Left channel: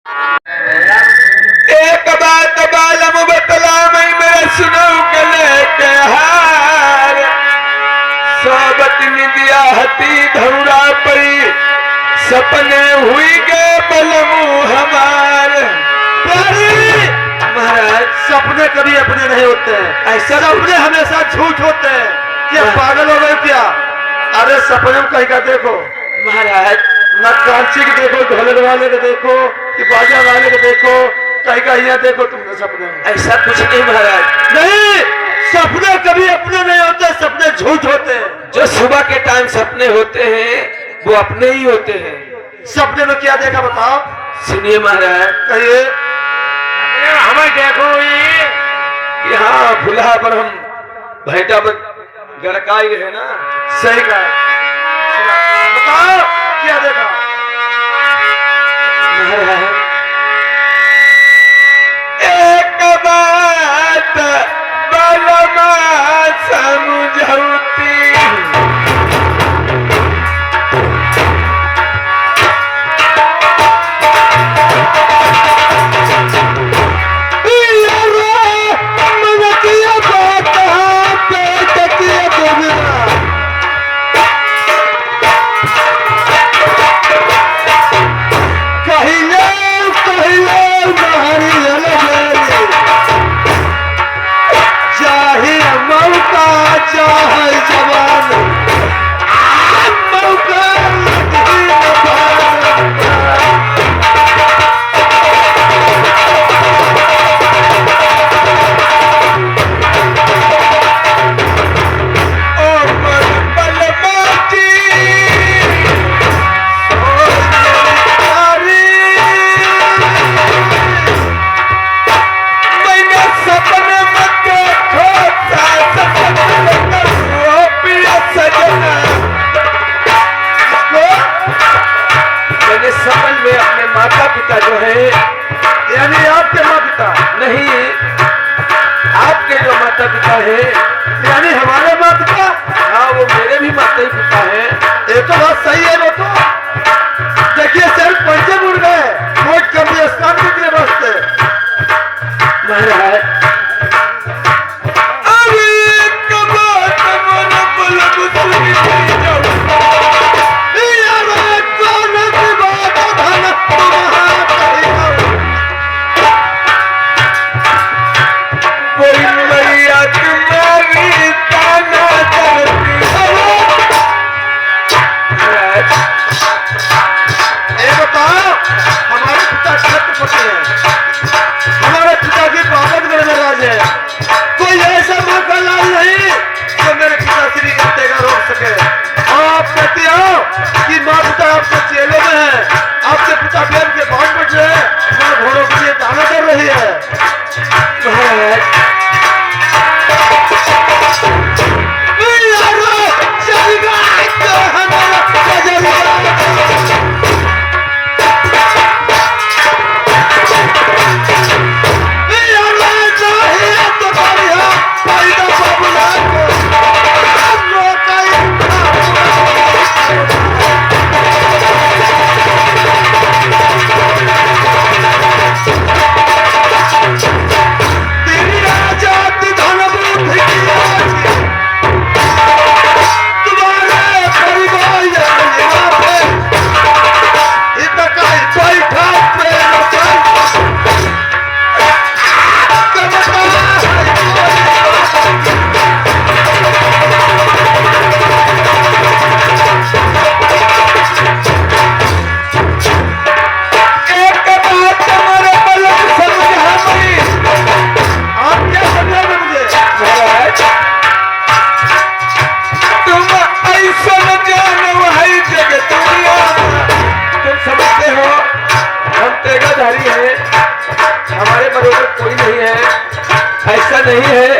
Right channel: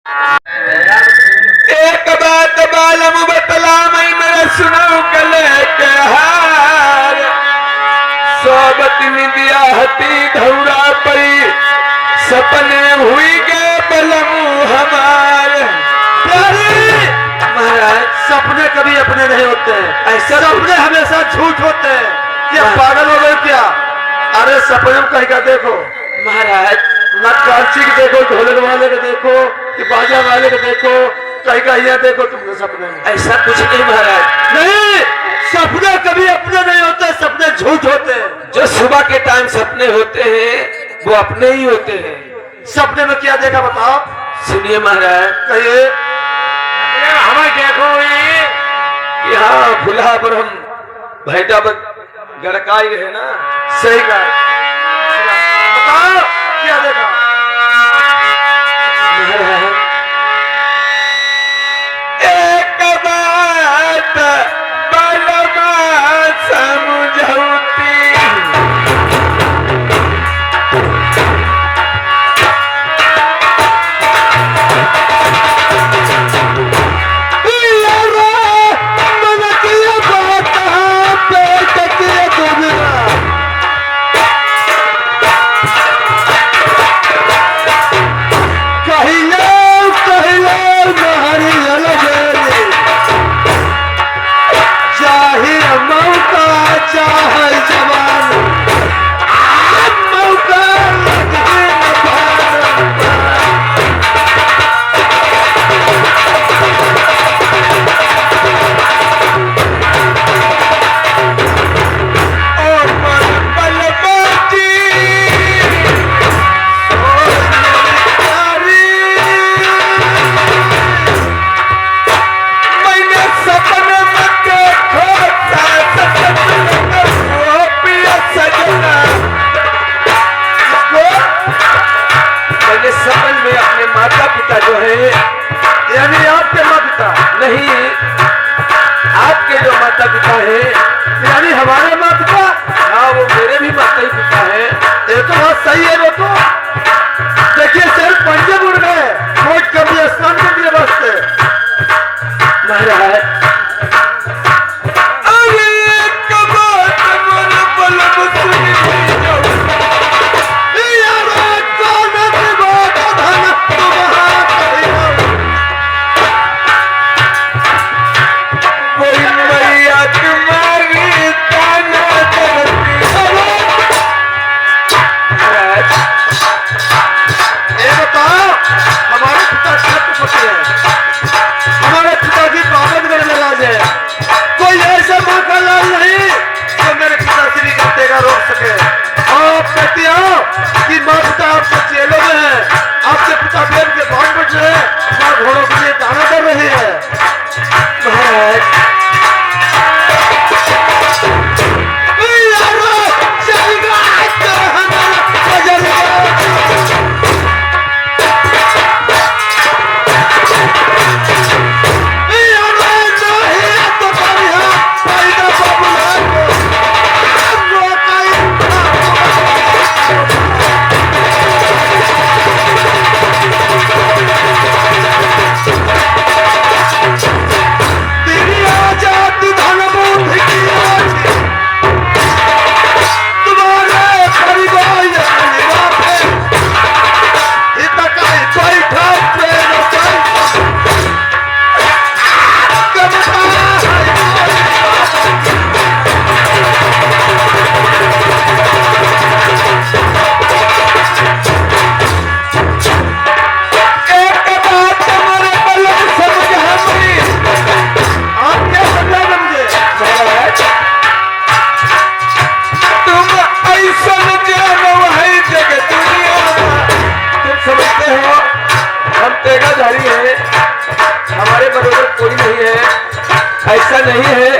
एक बात बालम बतला मैं मेरा सुनो गले के हार सोबत निदिया हती धौरा पड़ी सपने हुई गे बलमू हमार प्यारी महाराज, सपने कभी अपने नहीं होते हैं। ऐसे सपने हमेशा झूठ होते हैं। क्या पागल हो गए क्या? अरे सपने में कहीं का देखो महाराज, न कांची के देखो, ढोलक वाले को देखो कि बाजा वाले को देखो, कहीं का यहाँ देखो तुमने सपने में। ऐसा कुछ नहीं महाराज। नहीं, सपने कभी अपने नहीं होते, सपने झूठ होते हैं। जो सुबह के टाइम सपने होते हैं वो अपने ही होते हैं। सपने में क्या देखा बताओ? सुनिए महाराज, कहिए। हमें देखो कि हाँ फुलहा पर हम भैटा पर गड़काई रहे ना। सही कहा, बताओ क्या देखा? महाराज, एक बात बलमा समझौती सपन में अपने माता पिता जो है, यानी आपके माता पिता नहीं आपके जो माता पिता है, यानी हमारे माता पिता। हाँ वो मेरे भी माता ही पिता है। ये तो बात सही है। वो तो देखिए सर पंचे मुड़ गए मोट कभी स्नान के लिए बसते। महाराज, अरे एक बात मन बलम सुनी हमारे पिताजी बाबत करने वाले कोई ऐसा मौका लाल नहीं जो मेरे पिताश्री का तेगा रोक सके। आप कहती हो कि माँ पिता आपके चेले में है, आपके पिता प्रेम के बांध बैठ रहे हैं, माँ घोड़ों के लिए दाना कर रही है। महाराज, हमारे बरोबर कोई नहीं है। ऐसा नहीं है,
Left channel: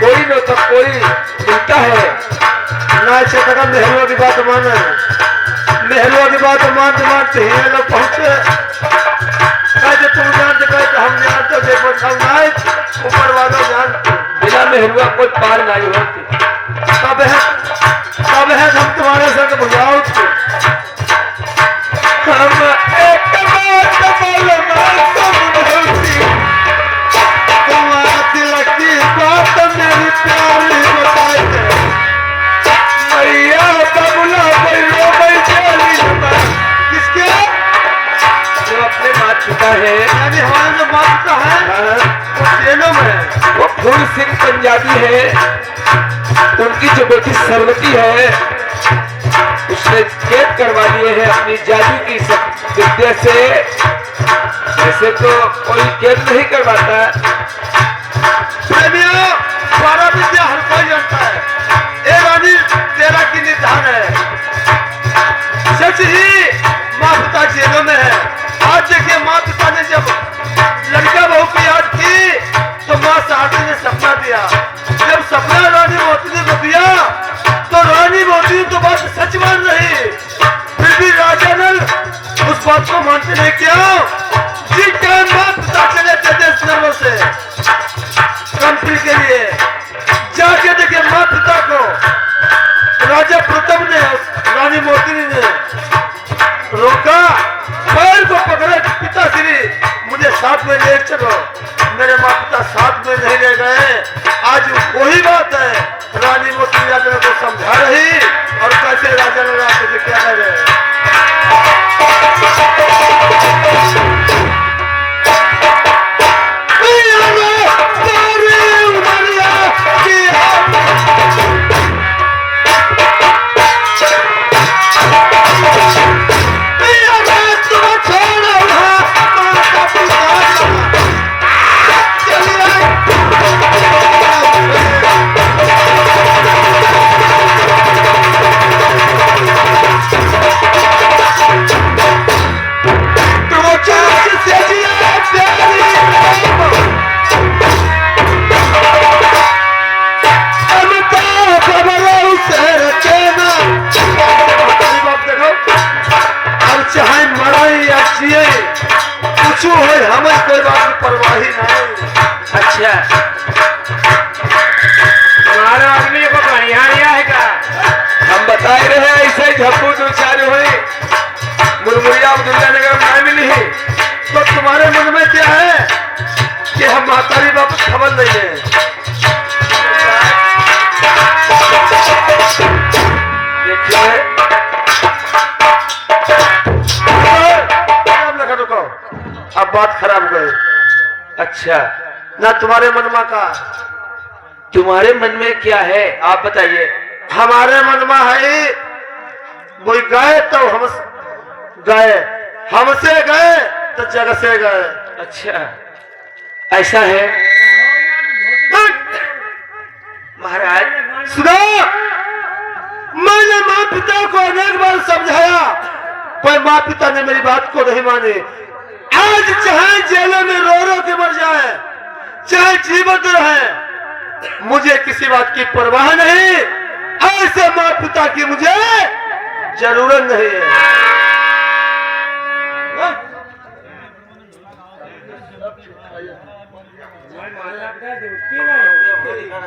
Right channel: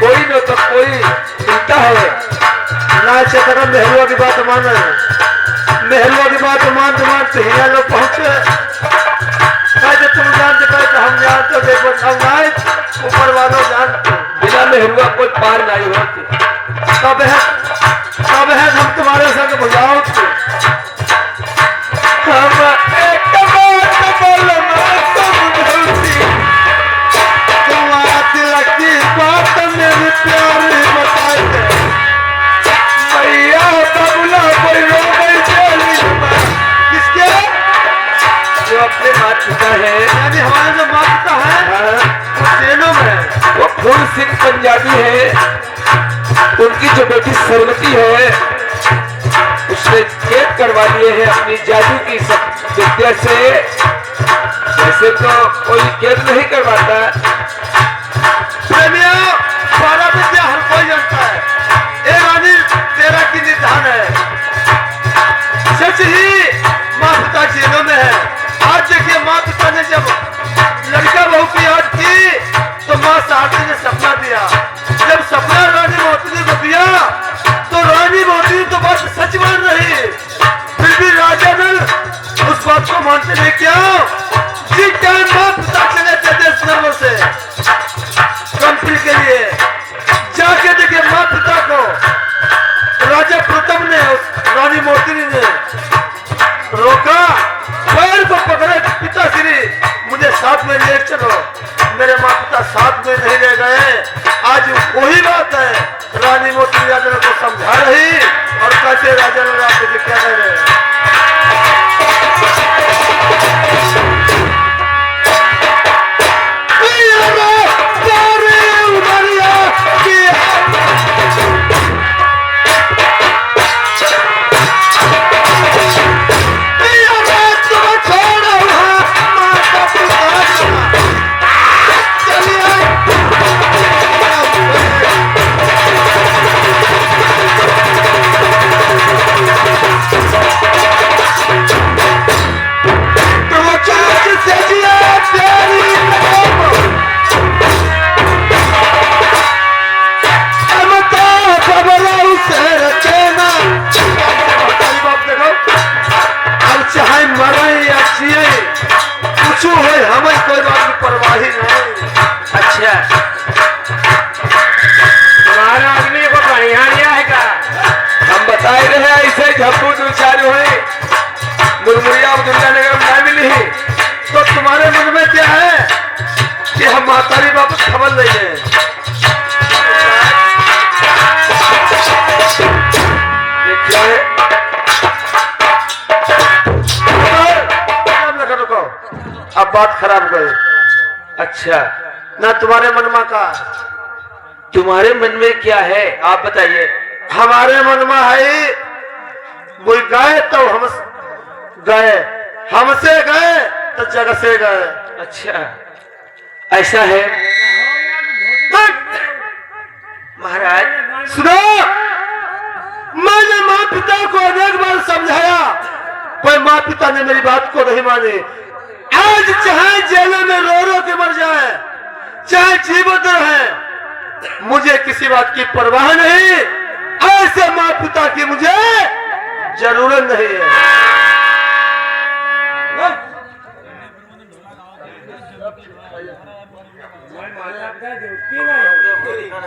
कोई न तो कोई मिलता है ना। चेतका नेहरूआ की बात मान रहे हैं, नेहरूआ की बात मानते मानते यहाँ लोग पहुंचे। कहते तुम जानते, कहते हम जानते, देखो हम ऊपर वालों जानते। बिना नेहरूआ कोई पार नहीं होती। कब है हम तुम्हारे संग बुझाओ। हम एक बात अपने माता पिता है, यानी हमारे जो माता पिता है वो जेलों में है। वो फूल सिंह पंजाबी है, उनकी जो बेटी सरवती है उसने कैद करवा लिए हैं अपनी जादू की विद्या से। वैसे तो कोई कैद नहीं करवाता। सारा विद्या हर कोई जानता है। ए रानी तेरा की निधान है। सच ही माँ पिता जेलों में है। आज देखिए माँ पिता ने जब लड़का बहू की याद की तो माँ सारथी ने सपना दिया। जब सपना रानी मोती को दिया तो रानी मोती तो बात सच मान रही, फिर भी राजा ने उस बात को मानते नहीं। क्यों? जिस टाइम माँ पिता चले थे देश नगर से कंपनी के लिए, जाके देखे माँ पिता को राजा प्रथम ने रानी मोतिनी ने रोका, पैर को पकड़े, पिताश्री मुझे साथ में ले चलो। मेरे माँ पिता साथ में नहीं ले गए। आज वही बात है, रानी मोतिनी राजा को समझा रही और कैसे राजा ने राजा से क्या कह रहे है, हमें कोई बात की परवाह ही नहीं। अच्छा, तुम्हारा आदमी को बढ़िया लिया है का? हम बताए रहे ऐसे झप्पू दो चालू है, मुरमुरिया दुनिया नगर में नहीं मिली है। तो तुम्हारे मन में क्या है कि हम मातारी वापस खबर ले लें? देखिए अब बात खराब हो गई। अच्छा, ना तुम्हारे मन में का, तुम्हारे मन में क्या है आप बताइए। हमारे मन में है कोई गए तो हम गए, हमसे गए तो जग से गए। अच्छा, ऐसा है महाराज। सुनो, मैंने माँ पिता को अनेक बार समझाया पर माँ पिता ने मेरी बात को नहीं मानी। आज चाहे जेलों में रो रो के मर जाए, चाहे जीवित रहे, मुझे किसी बात की परवाह नहीं। ऐसे माँ पिता की मुझे जरूरत नहीं है।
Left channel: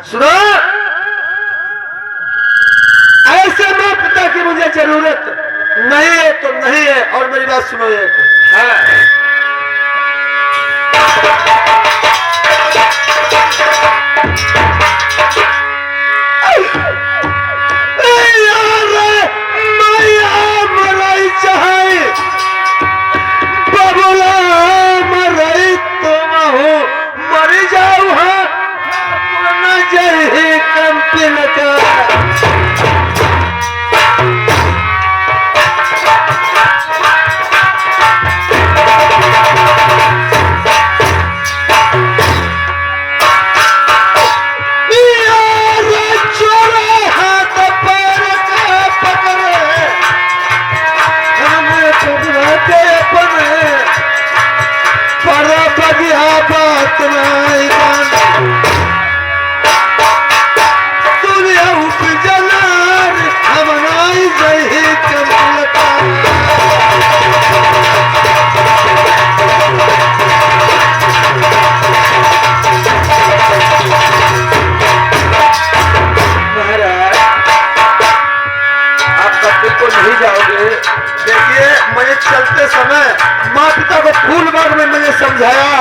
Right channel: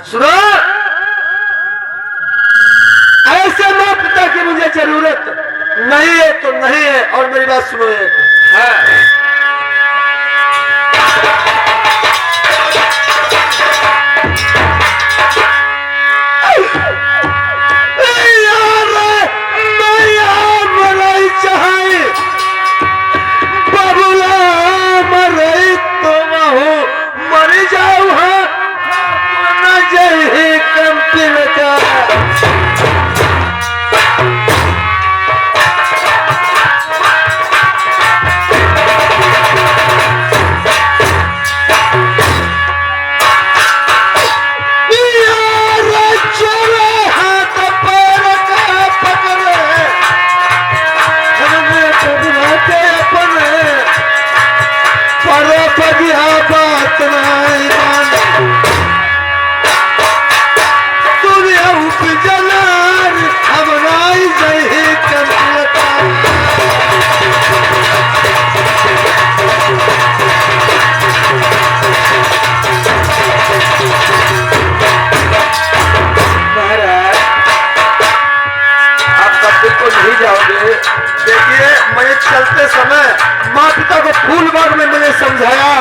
सुनो, ऐसे माँ पिता की मुझे जरूरत नहीं है तो नहीं है। और मेरी बात सुनो एक, हाँ, देखिए मैं चलते समय माँ पिता को फूल बाग में मैंने समझाया।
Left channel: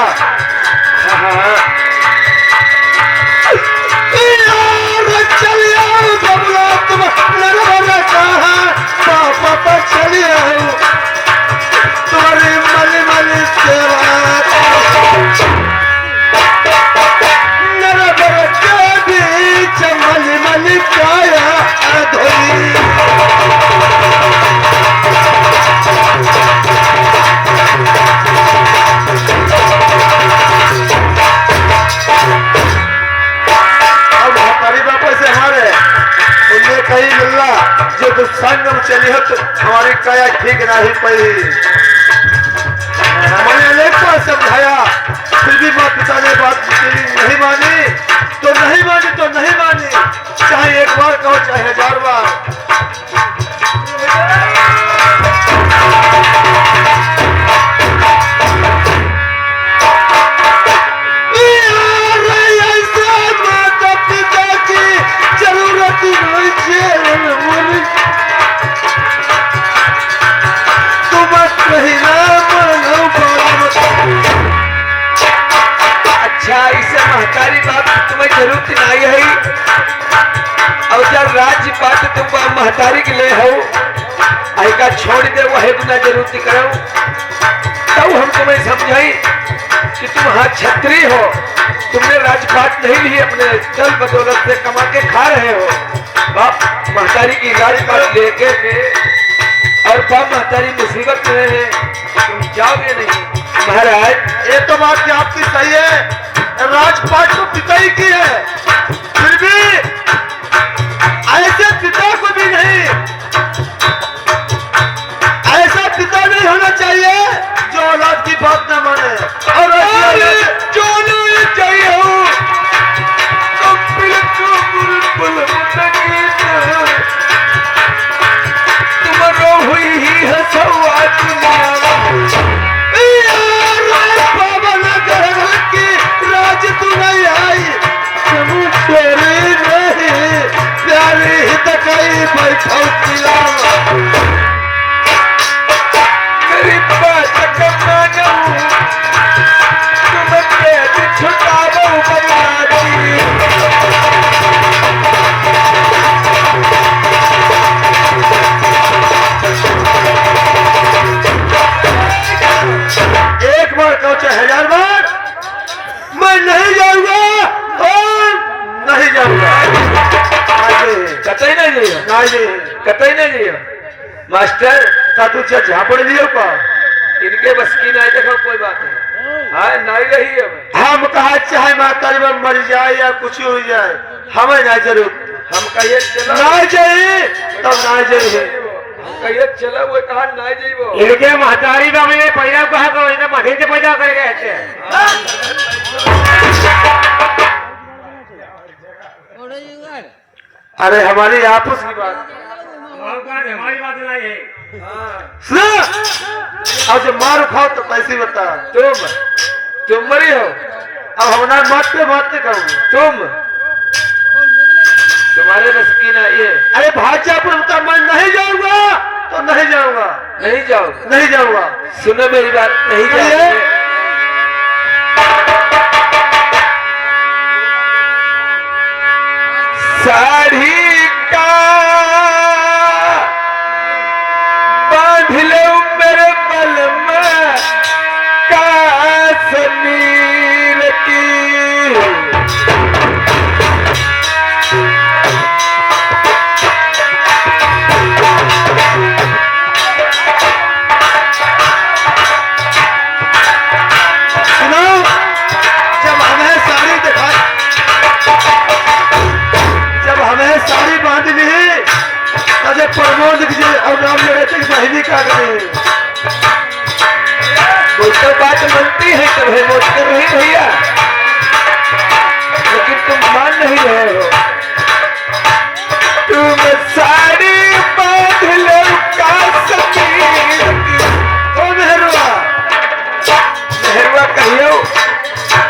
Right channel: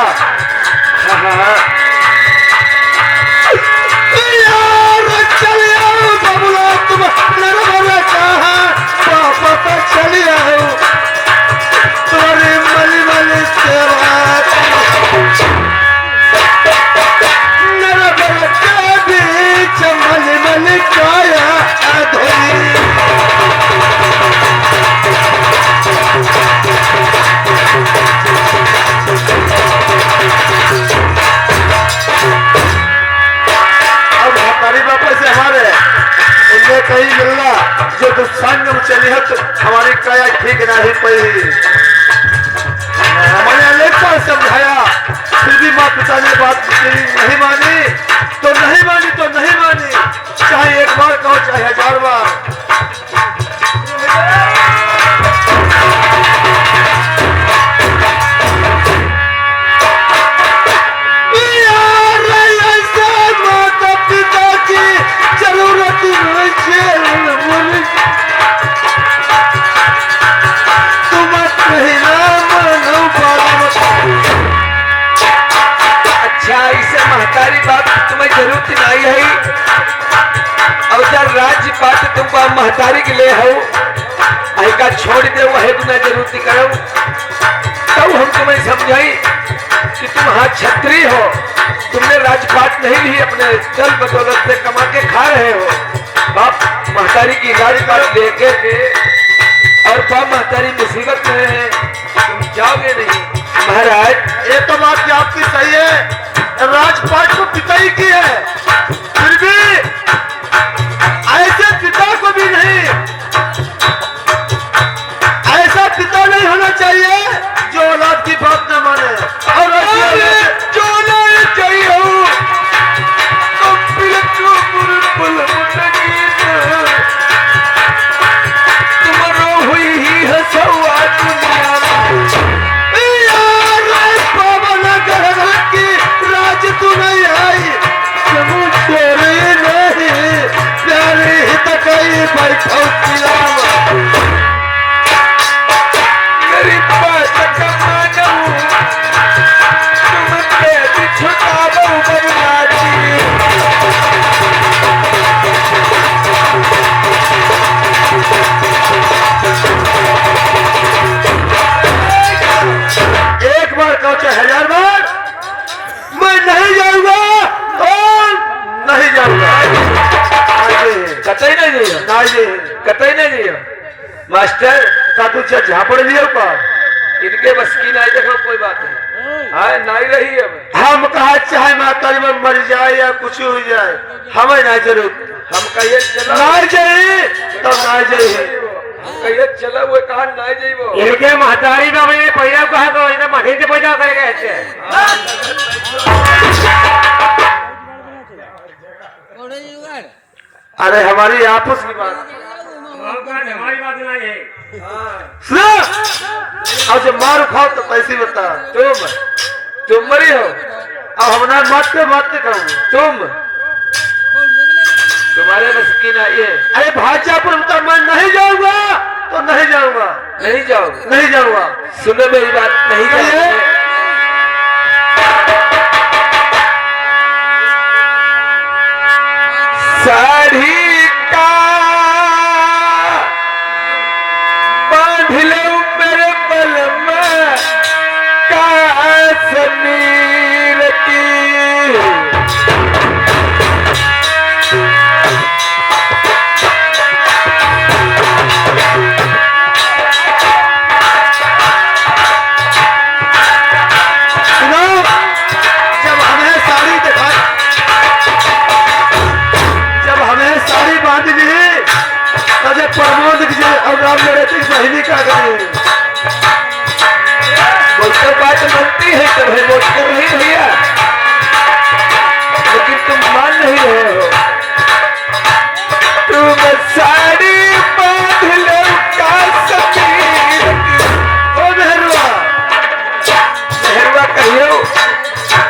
पापा तो चलिए तुम्हारी मली मली जो तू संग में चली है तो हमारी काया ठीक नहीं पड़ी। मैंने अनेक बार समझाया, फिर भी माँ पिता ने बात नहीं मानी तो नहीं मानी तो नहीं मानी, चाहे एक बार कहो चाहे 1000 बार। अच्छा, इसे महतारी बात तुम्हें जरूरत नहीं है। अब जब राज्य पात तुम महतारी के ले हो आएगा छोड़ दे, वही गुना जरूरत करो। तब हम तुम्हें समझाई कि तुम हाँ छत्री हो, तुमने राजपाट नहीं ली, अपने चल बदौलत से कमा के खा रहे हो। बाप महतारी की राजपाट लेके के और बाप महतारी मुसीबत में है, तुम जाओगे नहीं। महाराज ये तो बात आपकी सही है, राजपाट तो पिता ही की है, फिर भी ऐसे पिता को भी नहीं, ऐसा पिता नहीं होना चाहिए जो औलाद की बात न माने। और जो नहीं चाहिए तो बिल्कुल तुम्हारो हुई ही है सवाल दुनिया राज तू नहीं आई, तुम तेरे नहीं प्यारे हित कई बैठो गरीब बात कमाना तुम कैद छुटाओ बर्बादी। एक बार कहो चाहे 1000 बार, मैं नहीं जाऊंगा और नहीं जाऊंगा। कतई नहीं जाइयो, नहीं कतई नहीं जाइयो। मास्टर का तू झापड़ लियो का इनके बस की नहीं, देखो कोई बात नहीं। हाँ नहीं रही अब हम कहा चाहे मातारी में मर जाए या कुछ हो जाए, हमें नहीं जरूर। हम कहिए चलो नहीं जाइए तब नहीं जाइए, हम कहिए चलो, वो कहा नहीं जाइबो। इनके महतारी में मैंने पैदा कहा तो इन्हें महीने से पैदा करेगा ऐसे। अरे हमारी आपस की बात हमारी बात नहीं है। अब जब मार खाओ तो कैसी बता। तुम मरी हो, अब हमारा मारते मारते कहूँ तुम्हारे बस की नहीं है। अरे भाजा पर बता, मैं नहीं जाऊंगा तो नहीं जाऊंगा, नहीं जाओगे, नहीं जाऊंगा। सुनो मेरी बात, नहीं जाओगे। साड़ी का बांध लो मेरे बल में कश्मीर की। सुनो, जब हमें साड़ी दिखा, जब हमें साड़ी बांध ली तो जब प्रमोद जी और राम लड़े थे बहनी का गए, कोई तो बात बनती है तब है वोट कर रही भैया, लेकिन तुम मान नहीं रहे हो। तुम साड़ी बांध लो कश्मीर की। ओ मेहरुआ, मेहरवा कहियो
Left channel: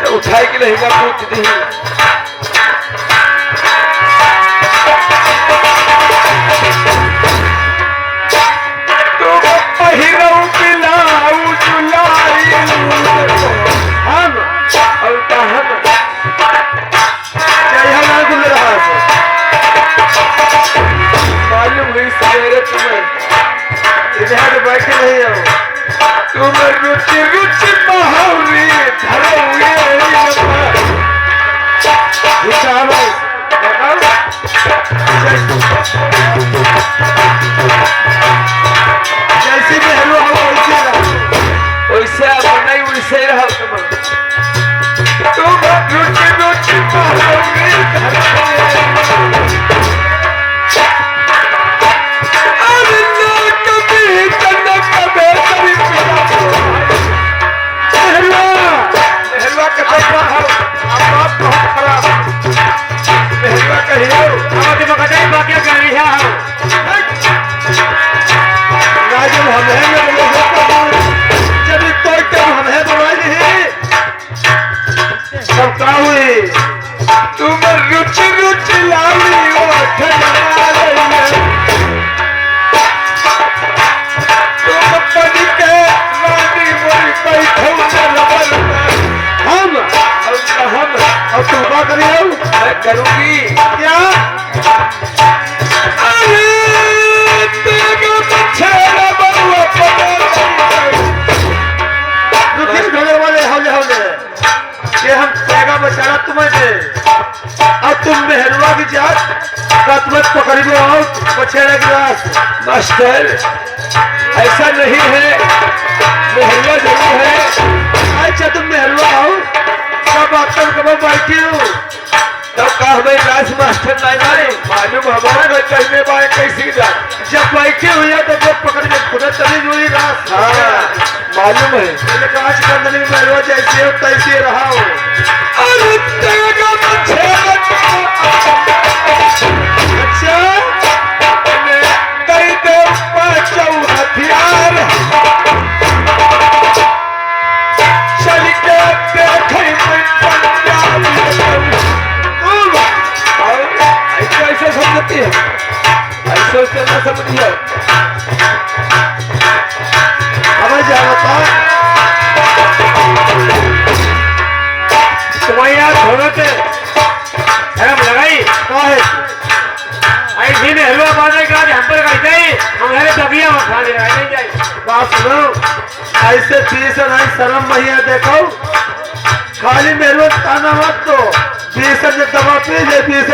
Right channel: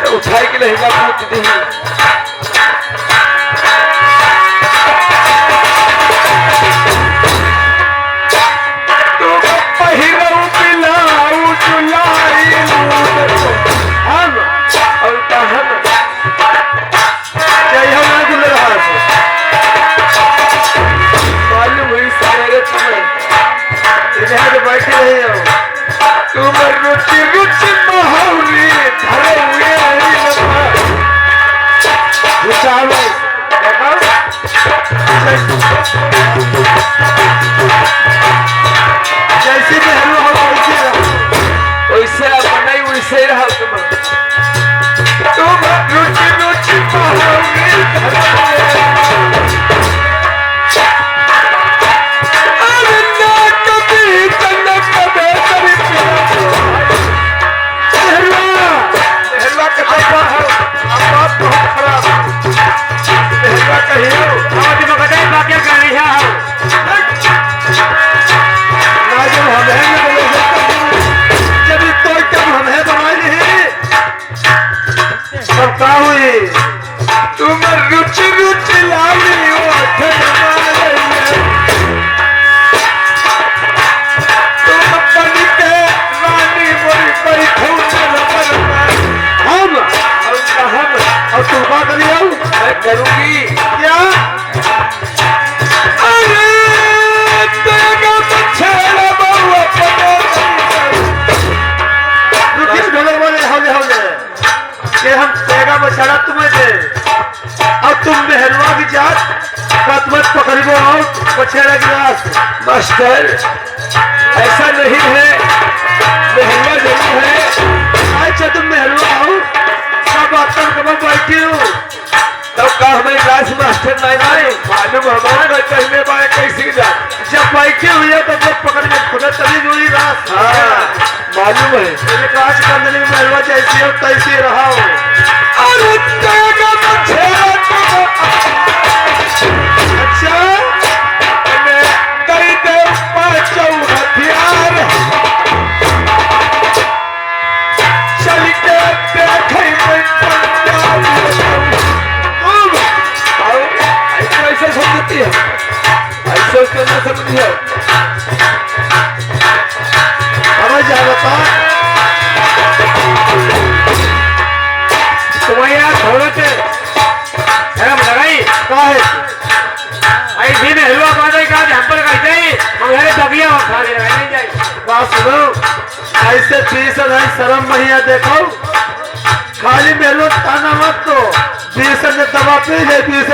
तो उठाई के लहेगा पूछ दी। तुम पहिरो बिलाऊ जुलाई हम और हम जय हमारा गुल रहा से मालूम हुई सवेरे तुम्हें इधर बैठे नहीं हो। तुम रुचि रुचि महुरी धरे हुए जैसे मेहरू हम वैसे रहो। वैसे अब नहीं वैसे ही रहो तुम रुचि रुचि महुरी धरे हुए बैठो नरबर में। हम हम और तू बात नहीं आओ मैं करूंगी। क्या अरे तेरा बछड़ा बउआ रुकिए ढोलक वाले हौले हौले कि हम तेगा बछड़ा तुम्हें दे और तुम मेहरुआ की जात का तुम्हें पकड़बो और बछड़ा की रास। मास्टर ऐसा नहीं है, मेहरुआ जरूर है। अच्छा तुम मेहरुआ हो सब आतन कब बैठी हूँ तब का हमें लाश मास्टर नहीं मालूम हमारा घर पहले बार कैसी जा। जब बैठी हुई है तो जब पकड़ के खुद तभी जुड़ी रास। हाँ मालूम है। मैंने काश कर देने में मेहरुआ जैसी हो तैसी रहा हो। अरे तेरा बछड़ा अच्छा कई दे पांचों हथियार चल के देखे मैं पंजाब। ऐसे समझती है, ऐसे उसको न समझिए। हमें जा बता तुम्हारे यार थोड़े से शर्म लगाई का है ऐसी में हलवा बांधे का हम पर कहते हैं हमारे दबिया खा दे रहा नहीं जाए। बात सुनो ऐसे पीस नहीं शर्म नहीं देखो खाली मेरे ताना मत तो बीस ने दवा पी ले बीस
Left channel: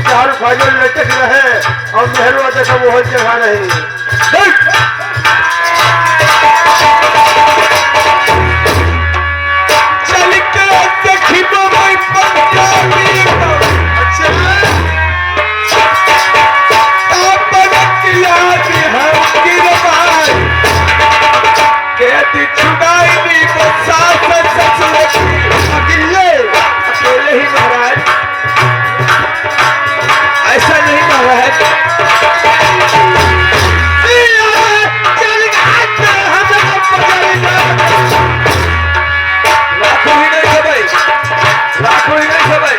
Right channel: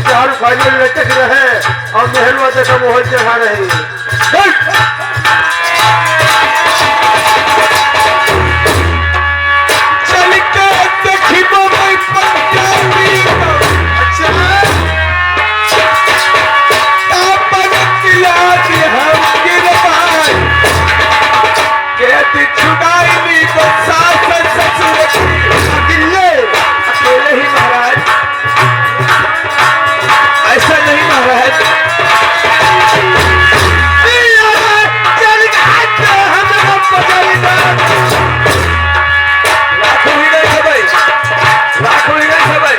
चार खाने लटक रहे और मेहरवा देखो वो जगह नहीं। चल के देखी तो मैं पंजाबी। अच्छा आपन की याद है गिरबान के दी छुड़ाई दी वो सास ससुर की। अकेले अकेले ही महाराज, ऐसा नहीं महाराज। चल लाखों ही नहीं है भाई, लाखों ही नहीं है भाई।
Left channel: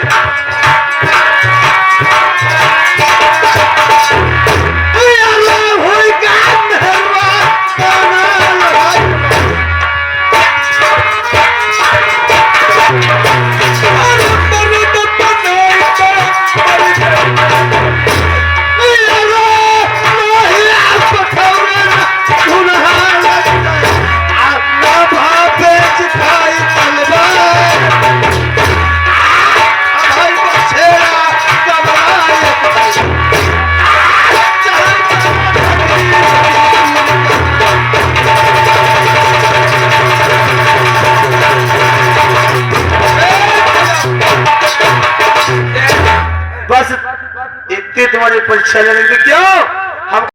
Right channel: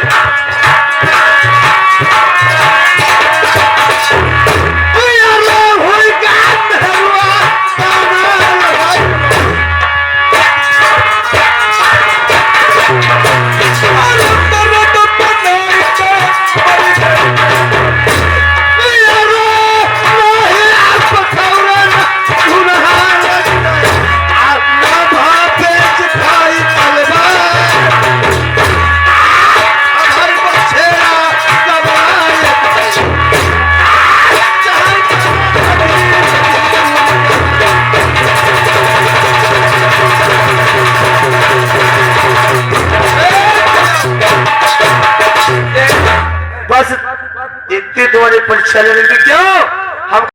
बस इतनी तुम्हारी परीक्षा लेने की क्यों